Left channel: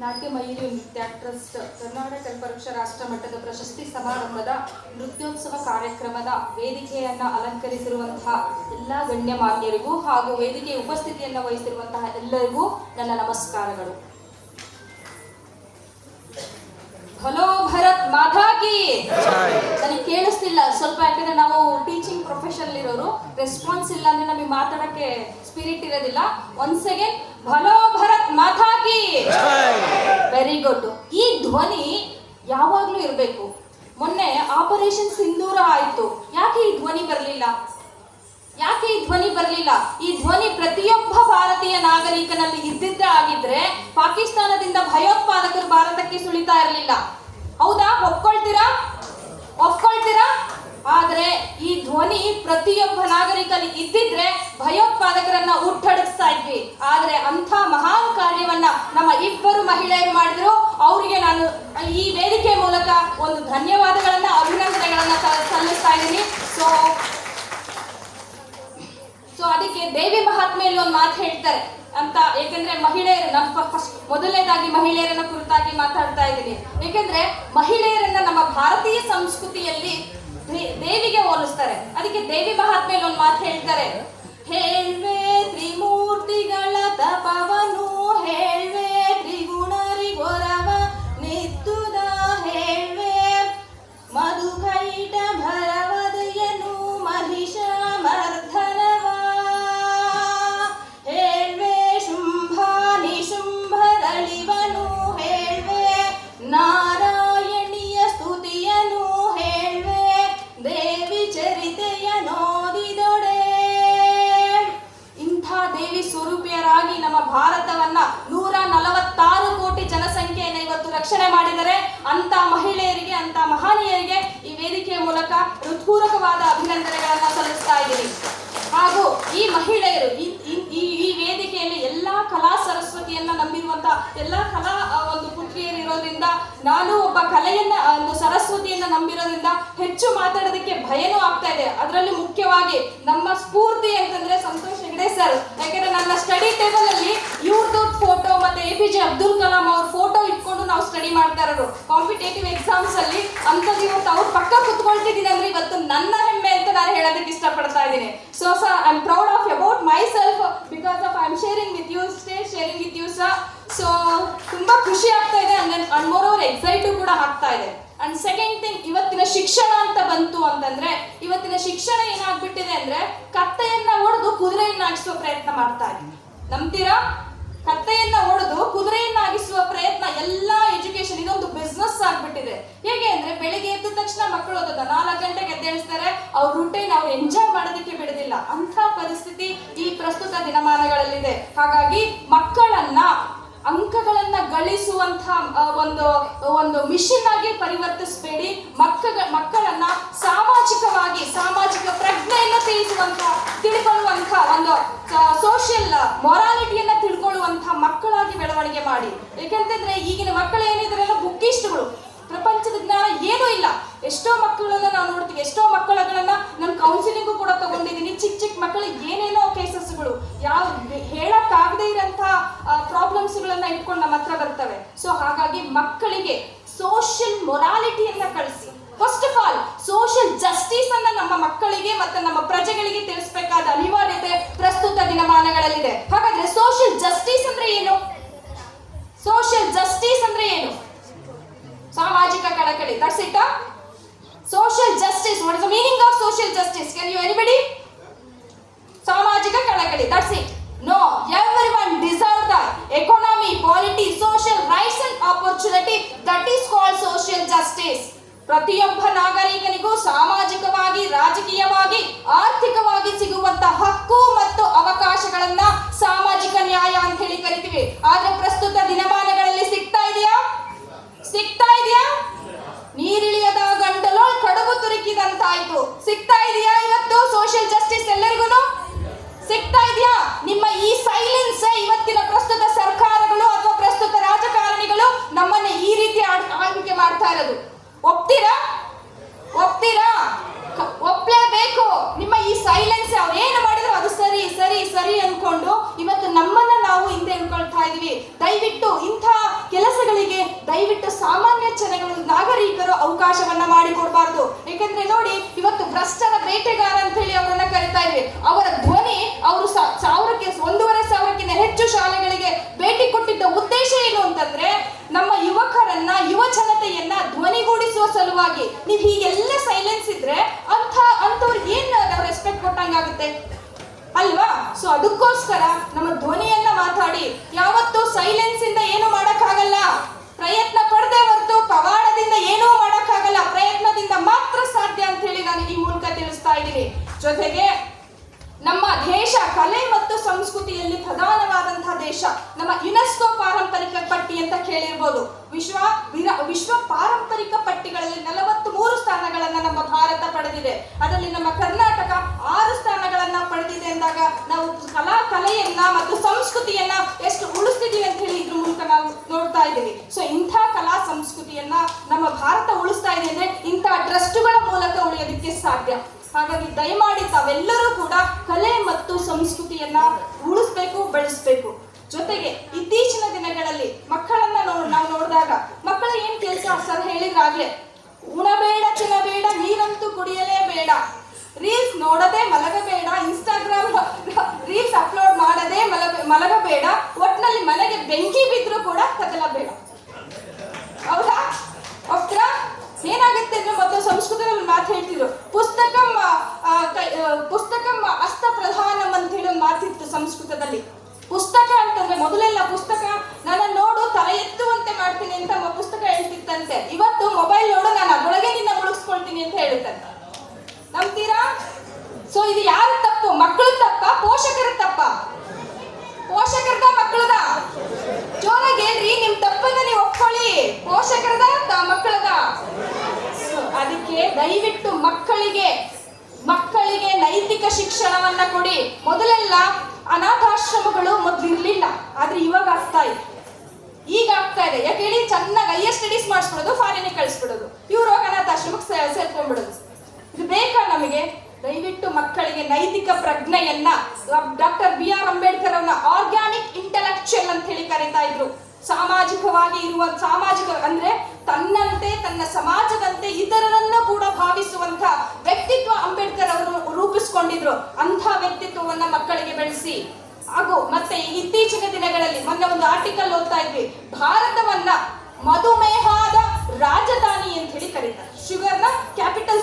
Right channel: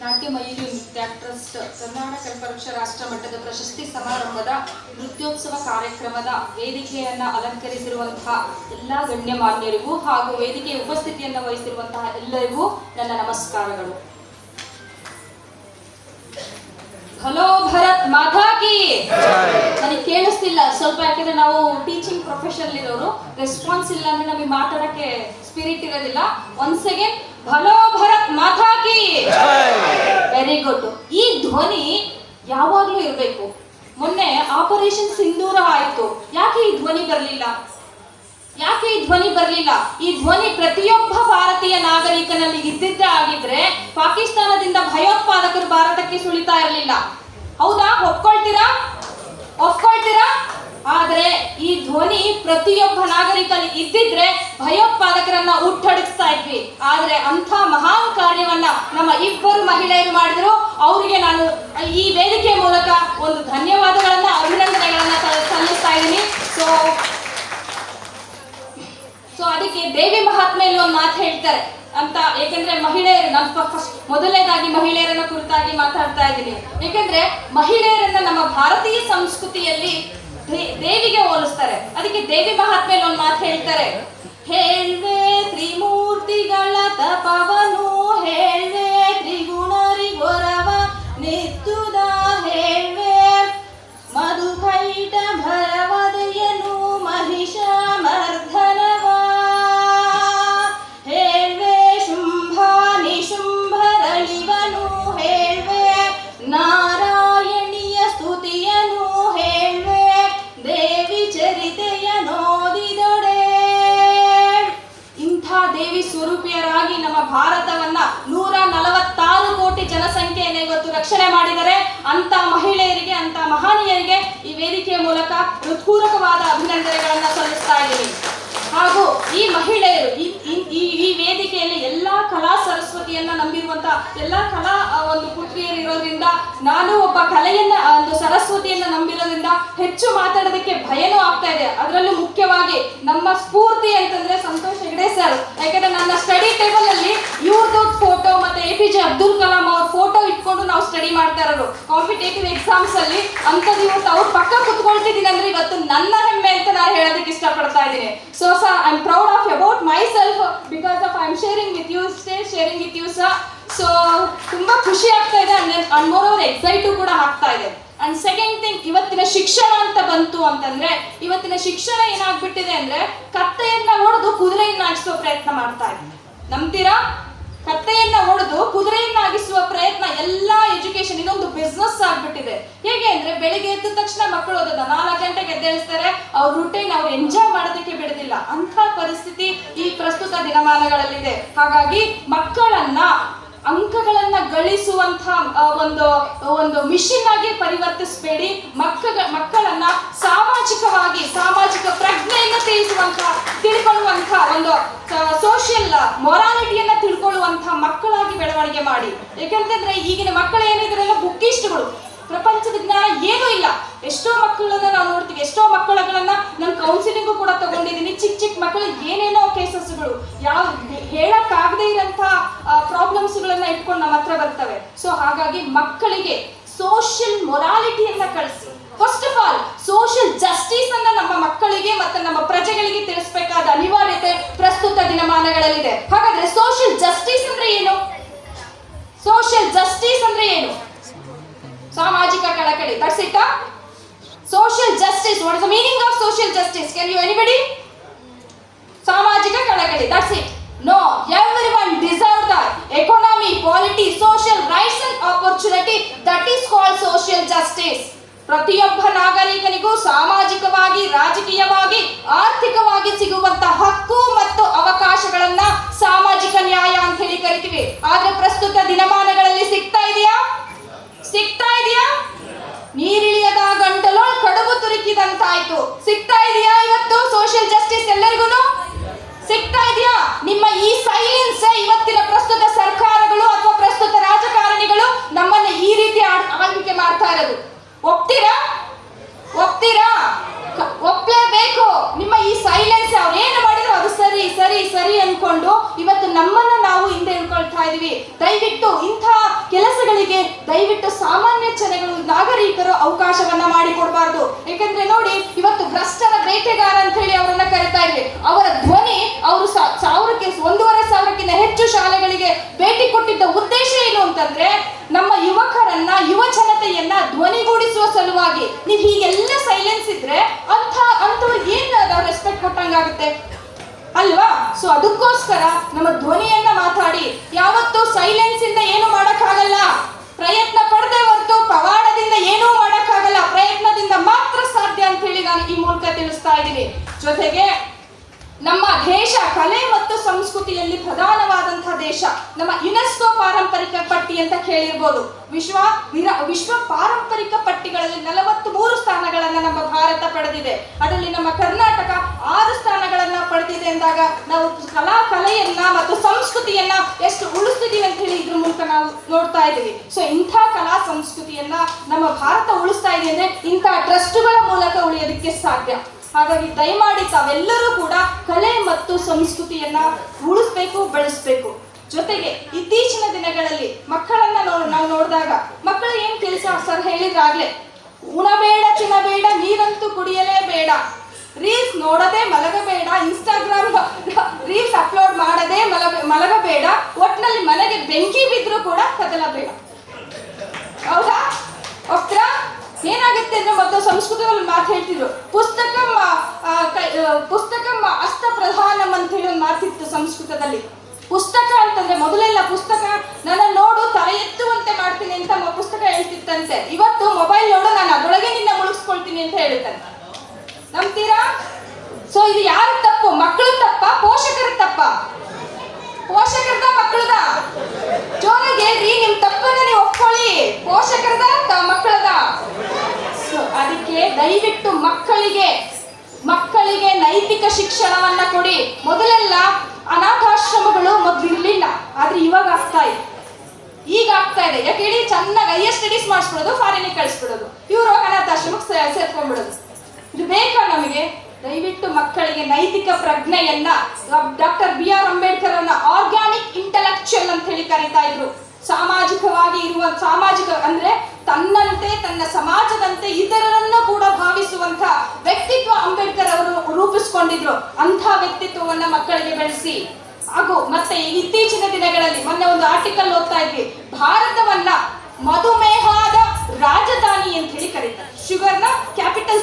ನಾಟ್ಯ ಮಯೂರಿ ನೃತ್ಯ ಟ್ರಸ್ಟ್, ಕರ್ನಾಟಕ ಕಲ್ಪವೃಕ್ಷ ರಾಷ್ಟ್ರ ಮಟ್ಟದ ಪ್ರಶಸ್ತಿ ಸಮಾರಂಭದ ನೃತ್ಯೋತ್ಸವ ಕಾರ್ಯಕ್ರಮದ ವೇದಿಕೆಯನ್ನ ಅಲಂಕರಿಸಿರುವಂತಹ ಎಲ್ಲ ಗಣ್ಯಮಾನ್ಯರಿಗೂ ಹಾಗೂ ವೇದಿಕೆಯ ಉಪಸ್ಥಿತಿಯನ್ನು ವಹಿಸಿರುವಂತಹ ಎಲ್ಲರಿಗೂ ನನ್ನ ನಮಸ್ಕಾರಗಳು. ಹಲೋ ಭರತ್ ಮಾತಾ ಕಿ! ನನಗೆ ಕೇಳಿಸ್ತಿಲ್ಲ, ಸ್ವಲ್ಪ ಯಾಕಂದ್ರೆ ನಾವು ಟೀಚಿಂಗ್ ಪ್ರೊಫೆಷನ್ ಇರೋರು ರೆಸ್ಪಾನ್ಸ್ ಇಲ್ಲ ಅಂದ್ರೆ ನಮಗೆ ಮಾತಾಡಕ್ಕೆ ಸ್ಪಿರಿಟ್ ಇರೋದಿಲ್ಲ. Once again hello Bharat Mata ಕಿ! ವೆರಿ ಗುಡ್ ಈ ಧ್ವನಿ ಯಾವಾಗಲೂ ಇರಬೇಕು. ಮೊನ್ನೆ ಆಪರೇಷನ್ ಸಿಂಧೂರ ಆಯಿತು. ಯಾಕೆ ಈ ಧ್ವನಿ ಬರಲಿಲ್ಲ? ಯಾಕೆ ಈ ಧ್ವನಿ ಬರಲಿಲ್ಲ? ಈ ಧ್ವನಿ ಪ್ರತಿಯೊಬ್ಬ ಭಾರತೀಯ ನಾಗರಿಕನಲ್ಲಿ ಇದ್ದಿದ್ದೇ ಆಗಿದ್ರೆ ಪಾಕಿಸ್ತಾನದಿಂದ ಭಯೋತ್ಪಾದಕರು ಭಾರತಕ್ಕೆ ಸುಳಿತಾ ಇರಲಿಲ್ಲ. ಹೌದಾ? ಒಪ್ಕೊಳ್ತೀರಾ? ಒಪ್ಕೊಳ್ತೀರಾ? ಆದರೆ ಈ ಧ್ವನಿ ಪ್ರತಿಯೊಬ್ಬ ನಾಗರಿಕನಿಗೆ ಇದ್ದಿದ್ರೆ ಭಯೋತ್ಪಾದಕರನ್ನ ಹುಟ್ಟಡಿಸ್ತಾ ಇದ್ವಿ. ಆದ್ರೆ ಕಾರ್ಯವನ್ನ ನಮ್ಮ ಇಬ್ಬರು ಮಹಿಳೆಯರು ಮಾಡಿದ್ರು. ಅವರಿಗೆ ನಾನು ಈ ವೇದಿಕೆ ಮೂಲಕ ಒಂದು ಧನ್ಯವಾದಗಳನ್ನ, ಅಭಿನಂದನೆಗಳನ್ನ ಸಲ್- ಸಲ್ಲಿಸ್ತಾ ಇದ್ದೀನಿ. ಸೊ ಸೊ ಅದಕ್ಕೆ ದೇವಿ ಮಹಾತ್ಮೆಯಲ್ಲಿ ಒಂದು ಮಾತು ಹೇಳ್ತಾರೆ. ಅಂತ ಏಕೆಂದ್ರೆ ಮಹಿಳೆಯರು, ನಮ್ಮ ಮೊದಲನೇದಾಗಿ ಮಹಿಳೆಯರನ್ನ ಕುರಿತಾಗಿ ಮಾತಾಡ್ತಾ ಇದ್ದೀನಿ. ಏಕೆಂದ್ರೆ ಮಹಿಳೆಯರನ್ನ ನಮ್ಮ ಭಾರತೀಯ ಸಂಸ್ಕೃತಿಯಲ್ಲಿ ದೇವಿಗೆ ಹೋಲಿಸ್ತಾರೆ. ಅದಕ್ಕೆ ದೇವಿ ಮಹಾತ್ಮೆಯಲ್ಲಿ ಒಂದು ಮಾತು ಹೇಳ್ತಾರೆ. ಹೇಳ್ವೆ ತ್ರಿಮೂರ್ತಿಗಳ ತಪವನು ಅಂತ ಮಹಿಳೆಯರಿಗೆ ಅಂತ ಮಹನೀಯರಿಗೆ ಈ ವೇದಿಕೆಯ ಮೂಲಕ ಹೃತ್ಪೂರ್ವಕವಾದ ಅಭಿನಂದನೆಗಳನ್ನ ಸಲ್ಲಿಸ್ತಾ ಇದ್ದೀನಿ. ಹಾಗೂ ಈ ಮಹಿಳೆಯರು, ಈ ಈ ವೇದಿಕೆಯಲ್ಲಿ ಎಲ್ಲಾ ಕಲಾ ಸರಸ್ವತಿಯನ್ನ ನಂಬಿರುವಂತ ಎಲ್ಲಾ ಕಲಾ ಒಂದು ಪುತ್ರಿಯರು ಇರೋದ್ರಿಂದ, ನಾನು ಒಬ್ಬ ಕಲೆಯನ್ನ ಒಂದು ಸರಸ್ವತಿಯನ್ನ ನಂಬಿರೋದ್ರಿಂದ ಹೆಚ್ಚು ಮಾತಾಡೋದಕ್ಕೆ ಭಯನೂ ಆಗ್ತಾ ಇದೆ. ಅದರಲ್ಲೂ ಮುಖ್ಯವಾಗಿ ನಮ್ಮ ಸ್ಫೂರ್ತಿ ಅಂತಂದ್ರೆ ಸಂತೋಷ್ ಹೆಗಡೆ ಸರ್ ಯಾಕಂದ್ರೆ ನನ್ನ ಸ್ಟಡಿ ಟೇಬಲ್ ಅಲ್ಲಿ ಇವ್ರದ್ದು ಫೋಟೋ ಮತ್ತೆ A P J Abdul Kalam ಅವ್ರ ಫೋಟೋ ಇಟ್ಕೊಂಡು ನಾವು ಸ್ಟಡಿ ಮಾಡ್ತಾ ಇರೋದು ಕಾಂಪಿಟೇಟಿವ್ ಎಕ್ಸಾಮ್ಸ್ ಅಲ್ಲಿ ಅಂಥದ್ದು ಇವತ್ತು ಅವ್ರು ಪಕ್ಕ ಕುತ್ಕೊಳ್ತಿದ್ದೀನಿ ಅಂದ್ರೆ ಇವತ್ತು ನನ್ನ ಹೆಮ್ಮೆ ಅಂತ ನಾನು ಹೇಳೋದಕ್ಕೆ ಇಷ್ಟಪಡ್ತಾ ಇದ್ದೀನಿ. So sir I am proud of about myself because of I am sharing with you stay sharing with you sir so ತುಂಬಾ ಖುಷಿ ಆಗ್ತಾ ಇದೆ. ಅಂಡ್ ಮೋರ್ ಓವರ್ ಎಕ್ಸೈಟು ಕೂಡ ಆಗ್ತಾ ಇದೆ. ಅಂಡ್ ಸೆಕೆಂಡ್ ಥಿಂಗ್ ಇವತ್ತಿನ ಶಿಕ್ಷಣ ಅಂತ ಬಂತು ಅಂತಂದ್ರೆ, ಇವತ್ತಿನ ಶಿಕ್ಷಣ ಏನಾಗ್ಬಿಟ್ಟಿದೆ ಅಂದ್ರೆ, ಕತ್ತೆಯನ್ನ ಹೊಡೆದು ಕುದುರೆಯನ್ನಾಗಿಸುವ ಪ್ರಯತ್ನ ಮಾಡ್ತಾ ಇದೆ. ನಂಬ್ತೀರಾ? ಕತ್ತೆಯನ್ನ ಹೊಡೆದು ಕುದುರೆಯನ್ನಾಗಿಸುವ ಎಲ್ಲಾ ಎಜುಕೇಶನ್ ಇದೊಂದು ಬಿಸ್ನೆಸ್ ಆಗ್ಬಿಟ್ಟಿದೆ ಹೇಗೆ ಅಂದ್ರೆ ಬೆಳಿಗ್ಗೆ ಎದ್ದ ತಕ್ಷಣ ಮಕ್ಕಳು ಓದೋದ. ನಾಲ್ಕು ಗಂಟೆಗೆ ಎದ್ದೇಳಿಸ್ತಾರೆ. ಅವ್ರ ರೂಟೀನ್ ಅವ್ರು ಎಂಜಾಯ್ ಮಾಡೋದಕ್ಕೆ ಬಿಡೋದಿಲ್ಲ. ಅಂತ ಪರಿಸ್ಥಿತಿ ಈ ಪ್ರಸ್ತುತ ದಿನಮಾನಗಳಲ್ಲಿದೆ. ಹಾಗಾಗಿ ಮಕ್ಕಳನ್ನ, ಅಂಕಗಳನ್ನ ಗಳಿಸುವಂತ ಒಂದು ಒಂದು ಮಿಷಿನ್ ಆಗಿ ಪರಿವರ್ತಿಸಬೇಡಿ. ಮಕ್ಕ ಮಕ್ಕಳನ್ನ ಸಾಮಾಜಿಕವಾಗಿ, ಸಾಮಾಜಿಕ ಪ್ರಜ್ಞೆಯನ್ನ ತಿಳಿಸುವಂತ ತಿಳ್ಕೊಳ್ಳುವಂತ ಒಂದು ಸೋಷಿಯಲ್ ಮೊರಾಲಿಟಿಯನ್ನ ತಿಳ್ಕೊಳ್ಳುವಂತ ಮಕ್ಕಳಾಗಿ ಬೆಳವಣಿಗೆ ಮಾಡಿ. ಯಾಕಂತಂದ್ರೆ ಈಗಿನ ಮಕ್ಕಳು ಏನಿದ್ರಲ್ಲ ಬುಕ್ಕಿಸ್ಟ್ಗಳು ಪ್ರಪಂಚದ ಜ್ಞಾನ ಏನೂ ಇಲ್ಲ. ಎಷ್ಟೋ ಮಕ್ಕಳನ್ನ ನಾವು ನೋಡ್ತೀವಿ, ಎಷ್ಟೋ ಮಕ್ಕಳಗಳನ್ನ ನಾನು ಕೌನ್ಸಿಲಿಂಗು ಕೂಡ ತಗೊಂಡಿದ್ದೀನಿ ಚಿಕ್ಕ ಚಿಕ್ಕ ಮಕ್ಕಳು ಏನೇನೋ ಕೇಸಸ್ಗಳು ಯಾವ ಹೇಳಕ್ಕಾಗದೇ ಇರೋಂಥ ಪ್ರಾಬ್ಲಮ್ಸ್ಗಳನ್ನ ಇಟ್ಕೊಂಡು ನಮ್ಮ ಹತ್ರ ಬರ್ತವೆ. ಸೊ ಹಾಗಾಗಿ ಮಕ್ಕಳಿಗೆ ಸೋಷಿಯಲ್ ಮೊರಾಲಿಟಿಯನ್ನ ಕಳಿಸಿ. First of all social justice ಅನ್ನ ನಮ್ಮ ಮಕ್ಕಳಿಗೆ ಮತ್ತೆ ನಮ್ಮ ಪ್ರಜೆಗಳಿಗೆ ತಿಳಿಸಬೇಕಾದ ಅನಿವಾರ್ಯತೆ ಪ್ರಸ್ತುತ ದಿನಮಾನಗಳಲ್ಲಿದೆ. ಹಾಗಾದ್ರೆ ಸೋಷಿಯಲ್ ಜಸ್ಟಿಸ್ ಅಂದ್ರೆ ಏನು? ಸೋಷಿಯಲ್ ಜಸ್ಟಿಸ್ ಅಂದ್ರೆ ಏನು ಸಾಮಾಜಿಕ ಕಳಕಳಿ that's it social justice what is the meaning of social justice can you anybody ಸಾಮಾಜಿಕ ಕಳಕಳಿ that's it no everyone deserve the economy polity social rights and opportunity that is called social justice ಪ್ರತಿಯೊಬ್ಬ ನಾಗರಿಕನಿಗೂ ಸಾಮಾಜಿಕವಾಗಿ, ರಾಜಕೀಯವಾಗಿ, ಆರ್ಥಿಕವಾಗಿ ಸಿಗುವಂತ ಹಕ್ಕು ಮತ್ತು ಅವಕಾಶಗಳನ್ನ ಸಾಮಾಜಿಕ ನ್ಯಾಯ ಅಂತ ಹೇಳಿ ಕರಿತೀವಿ. ಆದ್ರೆ ಪ್ರಸ್ತುತ ದಿನಮಾನಗಳಲ್ಲಿ ಸಿಗ್ತಾ ಇದೆಯಾ ಸಿಗ್ತಾ ಇದೆಯಾ ನೀರಿಳಿಯದ ಗಂಟಲೊಳ್ ಕಡುಬು ತುರುಕಿದಂತಾಯ್ತು ಸಿಗ್ತಾ ಇದೆಯಾ ಇವತ್ತು ಸೋಷಿಯಲ್ ಜಸ್ಟಿಸ್ ಎಲ್ಲರಿಗೂ ಸಿಗ್ತಾ ಇದೆಯಾ ನಿಮ್ಮ ಈ ಸೈಲೆನ್ಸ್ ಇವತ್ತಿನ ಪ್ರಸ್ತುತ ಸರ್ಕಾರಗಳು ಅಥವಾ ಪ್ರಸ್ತುತ ರಾಜಕಾರಣಿಗಳು ನಮ್ಮನ್ನ ಈ ರೀತಿ ಆಳ್- ಆಳ್ವಿಕೆ ಮಾಡ್ತಾ ಇರೋದು ಒಪ್ತೀರಾ ಒಪ್ತೀರಾ ಕ- ಒಪ್ಲೇಬೇಕು ನಿಮ್ಮ ಈ ಸೈಲೆನ್ಸ್ ಅವ್ರು ಏನು ಮಾಡಿದ್ರು ಅದು ಸರಿ ಸರಿ ಸರಿ ಅನ್ಕೊಂಡು ಇವತ್ತು ನಮ್ಮನ್ನ ನಾವು ಹಿಂದೆ ಇಳ್ಕೊಳ್ತಾ ಇದೀವಿ ದಯವಿಟ್ಟು ಇಂಥ ಕೆಲಸ ದಯವಿಟ್ಟು ಜನಗಳು ನಾಗರಿಕರು ಅವಕಾಶವನ್ನ ಮಾಡಿಕೊಡ್ಬಾರ್ದು. ಯಾಕಂದ್ರೆ ನೋಡಿ, ಇವತ್ತು ಭ್ರಷ್ಟರ ಬೇಟೆಗಾರ ಅಂತ ಹೇಳಿ ಅವರನ್ನ ಕರಿತಾ ಇದ್ವಿ. ಅವರ ಧ್ವನಿ ಅವರು ಸಾವಿರಕ್ಕೆ, ಒಂದೂವರೆ ಸಾವಿರಕ್ಕಿಂತ ಹೆಚ್ಚು ಶಾಲೆಗಳಿಗೆ ಭೇಟಿ ಕೊಟ್ಟಿದ್ದ ಉದ್ದೇಶ ಏನು ಅಂತಂದ್ರೆ, ನಮ್ಮ ಯುವಕರನ್ನ, ಯುವ ಜನತೆಯನ್ನ ಧ್ವನಿಗೂಡಿಸುವ ಸಲುವಾಗಿ ನೀವು ಹೀಗೆಲ್ಲ ಸೈಲೆನ್ಸ್ ಇದ್ರೆ ಅಂತ ಅಂತವ್ರಿಗೆ ಏನ್ ನಾವು ರೆಸ್ಪೆಕ್ಟ್ ಕೊಟ್ಟಂಗಾಗುತ್ತೆ ಅಲ್ವಾ? ಸೊ ಅದಕ್ಕೋಸ್ಕರ ನಮ್ಮ ಧ್ವನಿಯನ್ನ ಮಾತಾಡಿ. ಯಾವತ್ತೂ ಸೈಲೆನ್ಸ್ ಇಂದ ಏನು ಮಾಡಕ್ಕಾಗಲ್ಲ. ಪ್ರಯತ್ನ ಪಡದೆ ಪವಾಡದಿಂದ ಏನೂ ಮಾಡಕ್ಕಾಗಲ್ಲ, ಪ್ರಯತ್ನದಿಂದ ಮಾತ್ರ ಸಾಧ್ಯ ಅಂತ ಹೇಳಿ ನಾನು ಈ ಮೂಲಕ ತಿಳಿಸ್ತಾ ಇದ್ದೀನಿ. ಜೊತೆಗೆ ನಮ್ಮ ದೇಶ, ಕಲೆ ಮತ್ತು ಸಂಸ್ಕೃತಿಯಲ್ಲಿ ಪ್ರಧಾನವಾದಂತಹ ದೇಶ, ನಮ್ಮ ಯುನೆಸ್ಕೋ ಪಾರಂಪರಿಕ ಪಟ್ಟಿ ಅಂತ ಕೇಳಿರ್ಬೋದು. ವಿಶ್ವ ವಿಶ್ವ ಪಾರಂಪರಿಕ ಪಟ್ಟಿಗಳಲ್ಲಿ ನಲವತ್ತು ನಮ್ಮ ಭಾರತ ಪಡೆದಿದೆ. ಅದರಲ್ಲಿ ನಮ್ಮ ಕರ್ನಾಟಕ ಆರು ಸ್ಥಾನಗಳನ್ನ ಪಡೆದಿದೆ ಅಂದಾಗ ನಾವು ಕಲಾ ಕಲೆಯನ್ನ ಮತ್ತು ಸಂಸ್ಕೃತಿಯನ್ನ ಎಷ್ಟು ಉಳಿಸ್ತಿದೀವಿ ಅಂತ ಹೇಳಿ ಇದ್ರ ಮೂಲಕ ನಾವು ನೋಡ್ತಾ ಇದ್ದೀವಿ. ಸೊ ಇಂಥ ಕಲಾ ಸಂಸ್ಕೃತಿಯನ್ನ ನಮ್ಮ ಭಾರತ ಉಳಿಸ್ತಾ ಇದೆ ಅಂದ್ರೆ ಇಂಥ ಟ್ರಸ್ಟ್ಗಳ ಮೂಲಕ ಉಳಿಯೋದಕ್ಕೆ ಸಾಧ್ಯ. ಹಾಗಾಗಿ ದಯಮಾಡಿ ತಾವೆಲ್ಲರೂ ಕೂಡ ಕಲೆ ಮತ್ತು ಸಂಸ್ಕೃತಿಯನ್ನ ಉಳಿಸ್ಬೇಕು, ಬೆಳೆಸ್ಬೇಕು. ಜೊತೆಗೆ ಇತ್ತೀಚಿನ ದಿನಗಳಲ್ಲಿ ಮಕ್ಕಳನ್ನ ನಾವು ನೋಡಿದಾಗ ಮಕ್ಕಳು ಏನ್ ಕೆಲಸ ಸರ್ ಹೇಳಿದ್ರಾಗ್ಲೇ ಉಣಬೇಡ, ತಿನ್ನಬೇಡ, ನೀರಂತೂ ಕುಡಿಯಲೇಬೇಡ. ರೀಲ್ಸ್ ನೋಡದೆ ಮಲಗಬೇಡ, ಇನ್ಸ್ಟಾಗ್ರಾಮ್ ರೀಲ್ಸ್ ಅಪ್ಲೋಡ್ ಮಾಡದೆ ಮಲಗ ಮಲಗಬೇಡ, ಒಟ್ನಲ್ಲಿ ಮನೆಗೆ ಬೆಂಕಿ ಬಿದ್ದರೂ ಕೂಡ ಕದಲಬೇಡ. ಹೌದಾ? ಒಪ್ತರ? ಏನಾಗುತ್ತೆ ಅಂದ್ರೆ ಮೊದಲು ಸಂಸ್ಕೃತದಲ್ಲಿ ಮಾತು ಹೇಳ್ತಿದ್ರು. ಅದಕ್ಕೆ ದಯವಿಟ್ಟು ಮಕ್ಕಳಿಗೆ ಮಕ್ಕಳಿಗೆ ನೈತಿಕ ಶಿಕ್ಷಣವನ್ನ ಕೊಡಿ. ಮೊದಲೆಲ್ಲ ಅನಾಥಾಶ್ರಮಗಳು ಮೊದಲು ಇರಲಿಲ್ಲ, ಆದ್ರೆ ಇವಾಗ ಆಗ್ತಾ ಇದೆ. ಈಗ ಆಗ್ತಾ ಇದೆ. ಯಾಕೆ ಹೇಳಿ ಚೆನ್ನಾಗಿ ಹೈಯರ್ ಸ್ಟಡೀಸ್ ಮಾಡಿಸ್ಬಿಡೋದು ಫಾರಿನಿಗೆ ಕಳಿಸ್ಬಿಡೋದು. ಇವರು ಅನಾಥಾಶ್ರಮಕ್ಕೆ ಸೇರ್ಕೊಂಡ್ಬಿಡೋದು. ಇದು ಬೇಕಾ ನಮಗೆ? ದಯವಿಟ್ಟು ಮಕ್ಕಳಿಗೆ ನೈತಿಕ ಪ್ರಜ್ಞೆಯನ್ನ ಡಾಕ್ಟರ್ ಬಿ ಆರ್ ಅಂಬೇಡ್ಕರ್ ಅವರ ಆರ್ಗ್ಯಾನಿಕ್ ಇಂಟೆಲೆಕ್ಚುಯಲ್ ಅಂತ ಹೇಳಿ ಕರೀತಾ ಇದ್ರು. ಸಾಮಾಜಿಕವಾಗಿ ಇರುವ ಸಾಮಾಜಿಕ ಅಂದ್ರೆ ತನ್ನಂತೆ, ತನ್ನ ಸಮಾಜದಂತೆ ಇತರರನ್ನು ಕೂಡ ಭಾವಿಸುವಂತ ವ್ಯಕ್ತಿತ್ವ ಅಂಬೇಡ್ಕರ್ ಅವರು ರೂಪಿಸ್ಕೊಂಡಿದ್ರು. ಅಂಥ ವ್ಯಕ್ತಿತ್ವವನ್ನ ಮಕ್ಕಳಿಗೆ ಬೆಳೆಸಿ. ಹಾಗೂ ಮತ್ತೆ ಇತ್ತೀಚಿನ ದಿನಗಳಲ್ಲಿ ಮೊನ್ನೆ ಒಂದು ಆರ್ಟಿಕಲ್ ಓದ್ತಾ ಇದ್ವಿ. ಭಾರತವನ್ನ ಮಧುಮೇಹದ ರಾಜಧಾನಿ ಅಂತ ಹೇಳಿ ಕರೀತಾರೆ. ಶುಗರ್ನ ಕ್ಯಾಪಿಟಲ್